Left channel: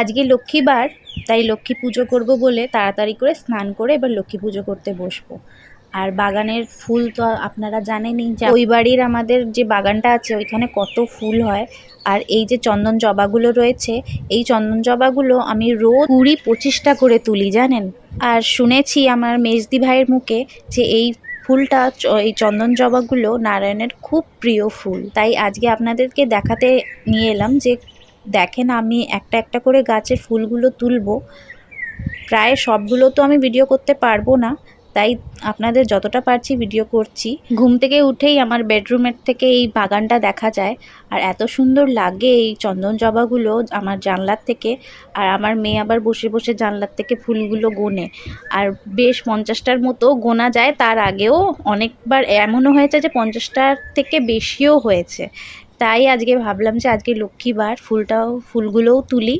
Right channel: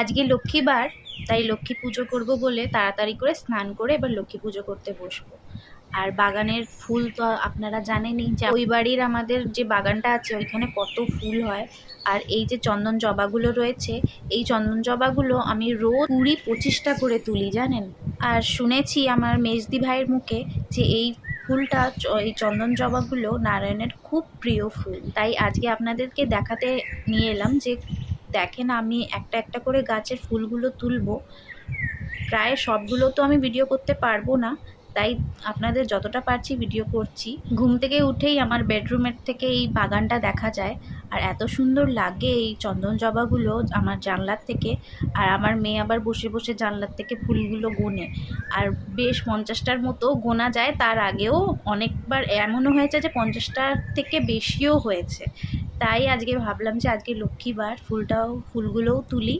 আজকে লক্ষ্মীবার, তাই লক্ষ্মী পুজো করব বলে তাড়াতাড়ি করে স্নান করে এবার লক্ষ্মী পুজো করতে বসবো। আর বাগানের ফুল তো আপনারা জানেনই যে ওই বাড়ির আমাদের যে বাগানটা আছে ওইখানে কত ফুল হয়। আর এই যে চন্দন জবাগুলো রয়েছে, এই চন্দন জবাগুলো আমি রোজ 20-25টা করে তুলি জানেন। আর শুনেছি আমার মেজদি ভাইয়ের মুখে যে এই ফুলটা, এই চন্দন জবাগুলো নারায়ণের খুব প্রিয় ফুল। তাই আজকে আপনাদেরকে দেখাতে নিয়ে এলাম যে দেখেন আমি একটা একটা করে গাছের ফুলগুলো তুলবো। প্রায় সবগুলো তো আমি ভিডিও করতে পারবো না, তাই আপনাদের যতটা পারছি ভিডিও করছি। ঘুম থেকে উঠেই আমার বেডরুমের থেকে এই বাগানটা দেখা যায়, আর এত সুন্দর লাগে এই চন্দন জবাগুলো আমার জানলার থেকে। আর আমার মেয়ে আবার বসে বসে জানলার থেকে ফুলগুলো গোনে, আর বেশ 50টার মতো গোনা যায়। তার আগেও অনেকবার এমনও হয়েছে যে 50টার থেকে বেশিও হয়েছে। তাই আজকে ভাবলাম যে আজকে লক্ষ্মীবার ফুলগুলোও তুলি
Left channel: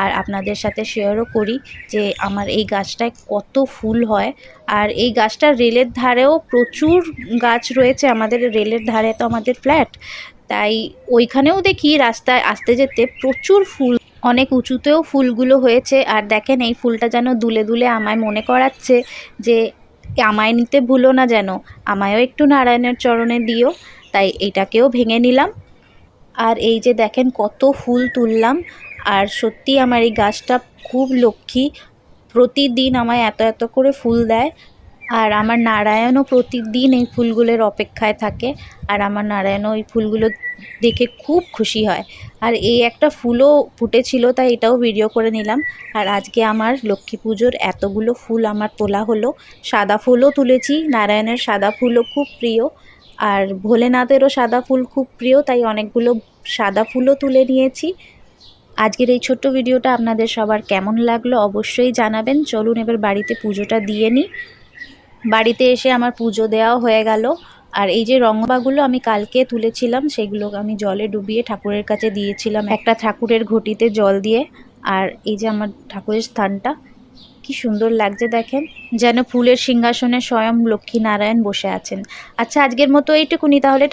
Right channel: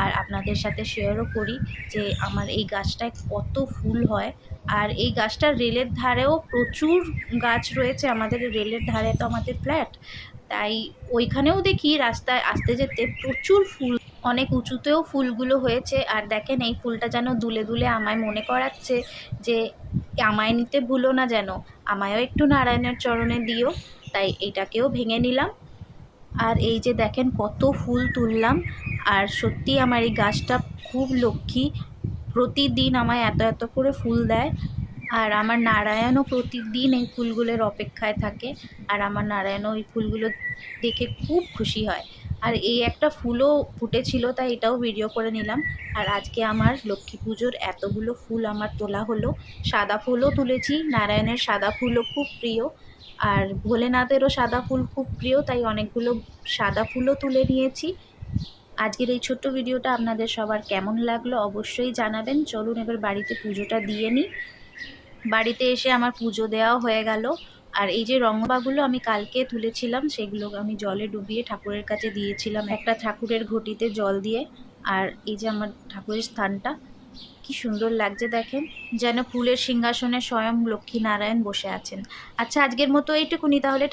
আর আপনাদের সাথে শেয়ারও করি যে আমার এই গাছটায় কত ফুল হয়। আর এই গাছটার রেলের ধারেও প্রচুর গাছ রয়েছে, আমাদের রেলের ধারে তো আমাদের ফ্ল্যাট, তাই ওইখানেও দেখি রাস্তায় আসতে যেতে প্রচুর ফুল, অনেক উঁচুতেও ফুলগুলো হয়েছে। আর দেখেন এই ফুলটা যেন দুলে দুলে আমায় মনে করাচ্ছে যে আমায় নিতে ভুলো না, যেন আমায়ও একটু নারায়ণের চরণে দিও। তাই এইটাকেও ভেঙে নিলাম। আর এই যে দেখেন কত ফুল তুললাম। আর সত্যি আমার এই গাছটা খুব লক্ষ্মী, প্রতিদিন আমায় এত এত করে ফুল দেয়। আর আমার নারায়ণও প্রতিদিন এই ফুলগুলোর অপেক্ষায় থাকে, আর আমার নারায়ণও এই ফুলগুলো দেখে খুব খুশি হয়। আর এই একটা ফুলও ফুটেছিল, তাই এটাও ভিডিও করে নিলাম। আর আজকে আমার লক্ষ্মী পুজোর এতগুলো ফুল আমার তোলা হলো। সাদা ফুলও তুলেছি, নারায়ণের সাদা ফুলও খুব প্রিয়, আর ভোলেনাথেরও সাদা ফুল খুব প্রিয়, তাই অনেকগুলো সাদা ফুলও তুলে নিয়েছি। আজকের এই ছোট্ট ভিডিওটা আপনাদের সবার কেমন লাগলো অবশ্যই জানাবেন। চলুন এবার বাড়িতে পুজোটা দিয়ে নিই। বাড়িতে এসে আমার পুজো দেওয়াও হয়ে গেল। আর এই যে রংবাগুলো আমি কালকে তুলেছিলাম, সেগুলো আমি জলে ডুবিয়ে ঠাকুরের কাছে দিয়েছিলাম একটা ঠাকুরের ঘটিতে জল দিয়ে। আর এই যে আমার ঠাকুরের স্থানটা কি সুন্দর লাগছে দেখেন, যেন ফুলের সিংহাসনে স্বয়ং লক্ষ্মী নারায়ণ বসে আছেন। আচ্ছা, আজকের মতো এইটুকুনি তাহলে।